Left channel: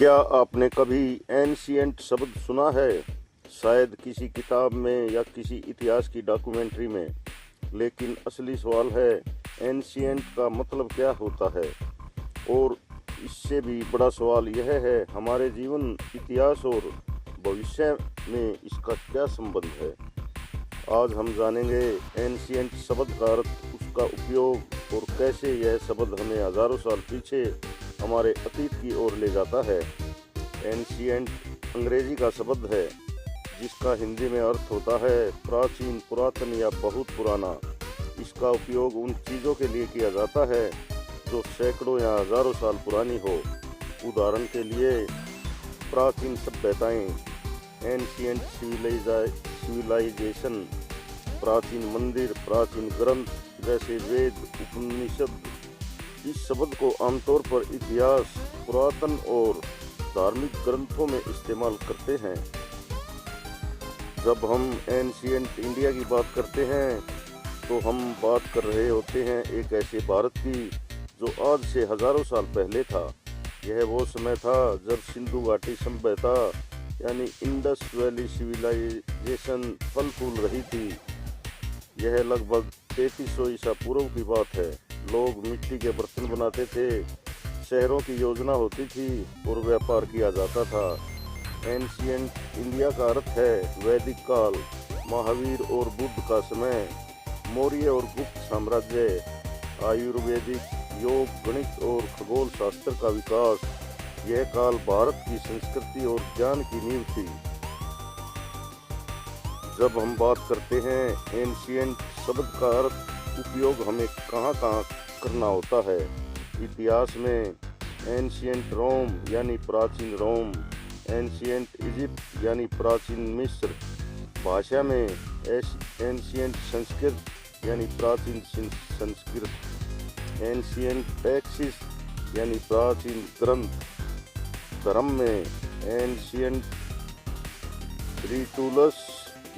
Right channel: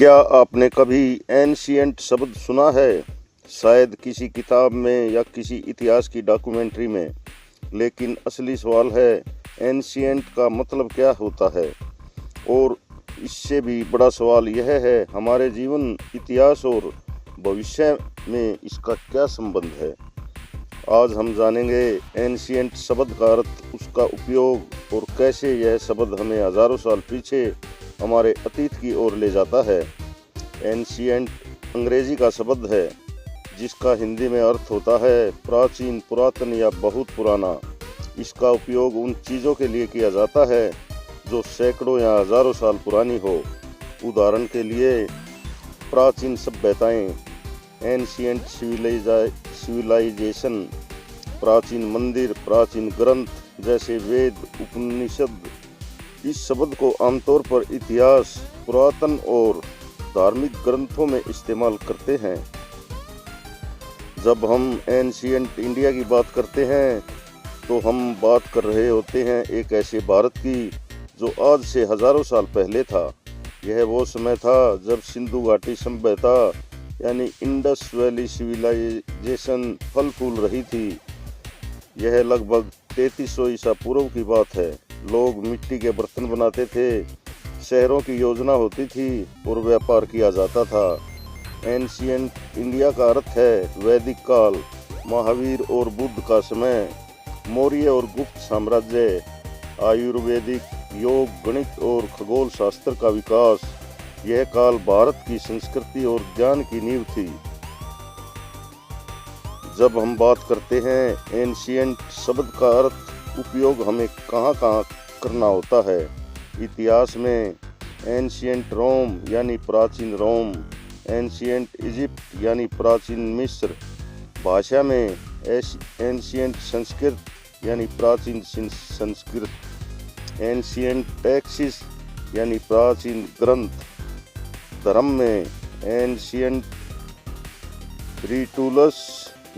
क्या आपने कभी एंशिएंट शब्द सुना है? शायद किसी किताब में या किसी इतिहास की डॉक्यूमेंट्री में। लेकिन असली सवाल है, एंशिएंट का मतलब क्या होता है? और इससे भी बड़ा सवाल यह है, हमारे जीवन, इतिहास और भविष्य में इसका क्या संबंध है? आज हम जानेंगे एंशिएंट शब्द का अर्थ, उसका उपयोग और कैसे यह शब्द हमें हजारों साल पीछे हमारे अतीत की ओर ले जाता है। एंशिएंट अंग्रेजी का शब्द है जिसका हिंदी में अर्थ होता है प्राचीन, पुरातन या बहुत पुराना। इसका उपयोग उन चीज़ों के लिए किया जाता है जो सैकड़ों या हजारों साल पुरानी हो। उदाहरण के लिए, प्राचीन सभ्यताएं, एंशिएंट सिविलाइजेशन, प्राचीन मंदिर, प्राचीन ग्रंथ जैसे वेद, उपनिषद। इस शब्द को आमतौर पर इतिहास, पुरातन और धार्मिक ग्रंथों में इस्तेमाल करते हैं। जब हम एंशिएंट इंडिया की बात करते हैं तो हम बात कर रहे होते हैं एक ऐसे भारत की जो आज से हजारों साल पहले था। यह वो समय था जब सिंधु घाटी सभ्यता यानी इंडस वैली सिविलाइजेशन फल फूल रही थी। यह लगभग 3300 ईसा पूर्व की बात है। लोग मिट्टी के बर्तन बनाते थे, शहरों की योजना होती थी और व्यापार किया जाता था। एंशिएंट इंडिया का अर्थ है वैदिक काल, महावीर और बुद्ध का समय, मौर्य और गुप्त साम्राज्य, आयुर्वेदिक, योग, गणित और खगोल शास्त्र का विकास। यह काल भारत की संस्कृति और ज्ञान की नींव थी। जब हम बात करते हैं एंशिएंट शब्द का अर्थ, उपयोग हमें कहाँ कहाँ करना होता है। इतिहास में एंशिएंट रोम यानी प्राचीन रोम, एंशिएंट इजिप्ट यानी प्राचीन मिस्र। भाषा में एंशिएंट संस्कृत यानी प्राचीन संस्कृत, एंशिएंट टेक्सिस यानी प्राचीन ग्रंथ। धर्म में एंशिएंट रिटुलस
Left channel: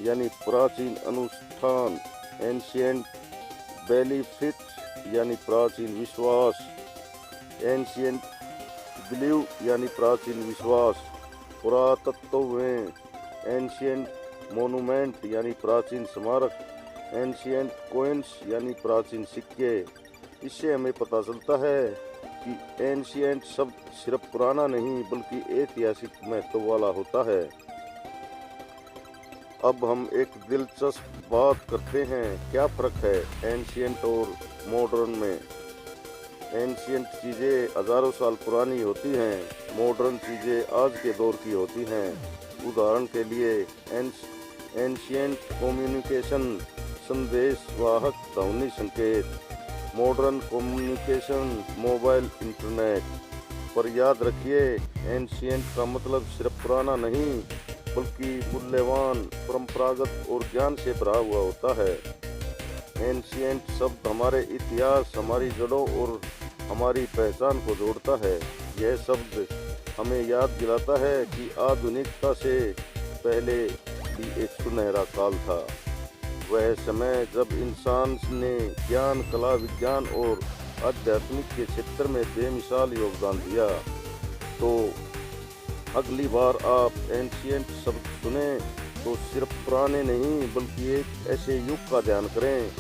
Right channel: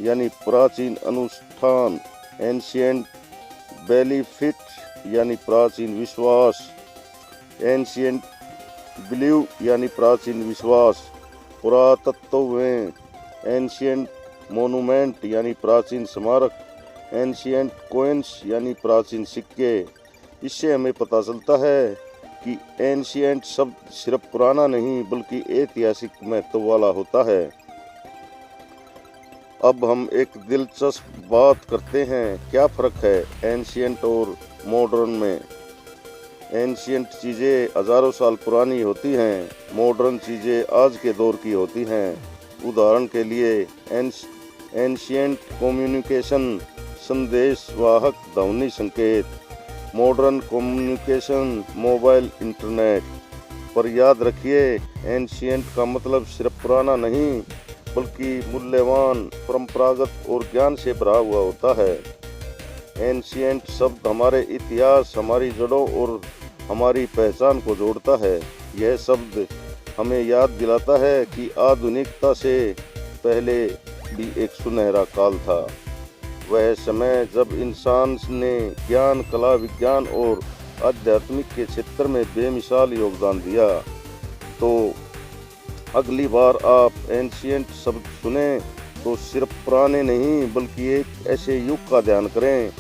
यानी प्राचीन अनुष्ठान, एंशिएंट बेनिफिट यानी प्राचीन विश्वास, एंशिएंट बिलीव यानी प्राचीन विश्वास। पुरातत्व में एंशिएंट मोनूमेंट यानी प्राचीन स्मारक, एंशिएंट कोइंस यानी प्राचीन सिक्के। इससे हमें पता चलता है कि एंशिएंट शब्द सिर्फ पुराना नहीं बल्कि ऐतिहासिक महत्व वाला होता है। अब हम एक दिलचस्प बात करते हैं, क्या फ़र्क है एंशिएंट और मॉडर्न में। एंशिएंट चीज़ें हजारों साल पुरानी होती हैं, मॉडर्न चीज़ें आज के दौर की होती हैं। उदाहरण के लिए, एंशिएंट कम्युनिकेशन, संदेश वाहक ध्वनि संकेत, मॉडर्न कम्युनिकेशन, मोबाइल, इंटरनेट। पर याद रखिए, एंशिएंट का मतलब सिर्फ पुराना नहीं बल्कि मूल्यवान, परंपरागत और ज्ञान से भरा हुआ होता है। एंशिएंट शब्द हमारे इतिहास, हमारी जड़ों और हमारी पहचान को जोड़ता है। यह शब्द हमें याद दिलाता है कि आधुनिकता से पहले भी एक सुनहरा काल था। वह समय जब इंसान ने ज्ञान, कला, विज्ञान और आध्यात्मिक के क्षेत्र में बेमिसाल योगदान दिया। तो अगली बार आप एंशिएंट शब्द सुने तो सिर्फ पुराने नहीं बल्कि एक ऐसे युग का ध्यान करें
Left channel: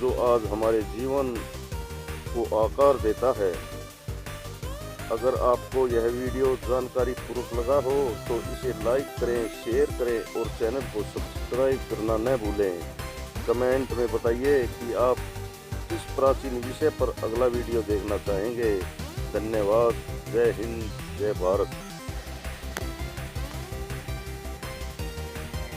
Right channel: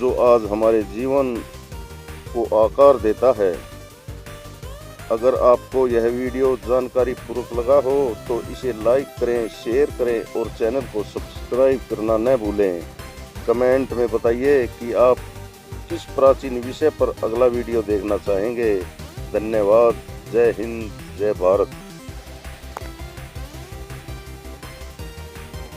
जो आज हमारे जीवन को आकार देता है। अगर आपको यह वीडियो जानकारी पूर्वक लगा हो तो इसे लाइक करें, शेयर करें और चैनल को सब्सक्राइब करना न भूलें। कमेंट में बताइए कि आप किस प्राचीन विषय पर अगला वीडियो देखना चाहेंगे। धन्यवाद। जय हिंद, जय भारत।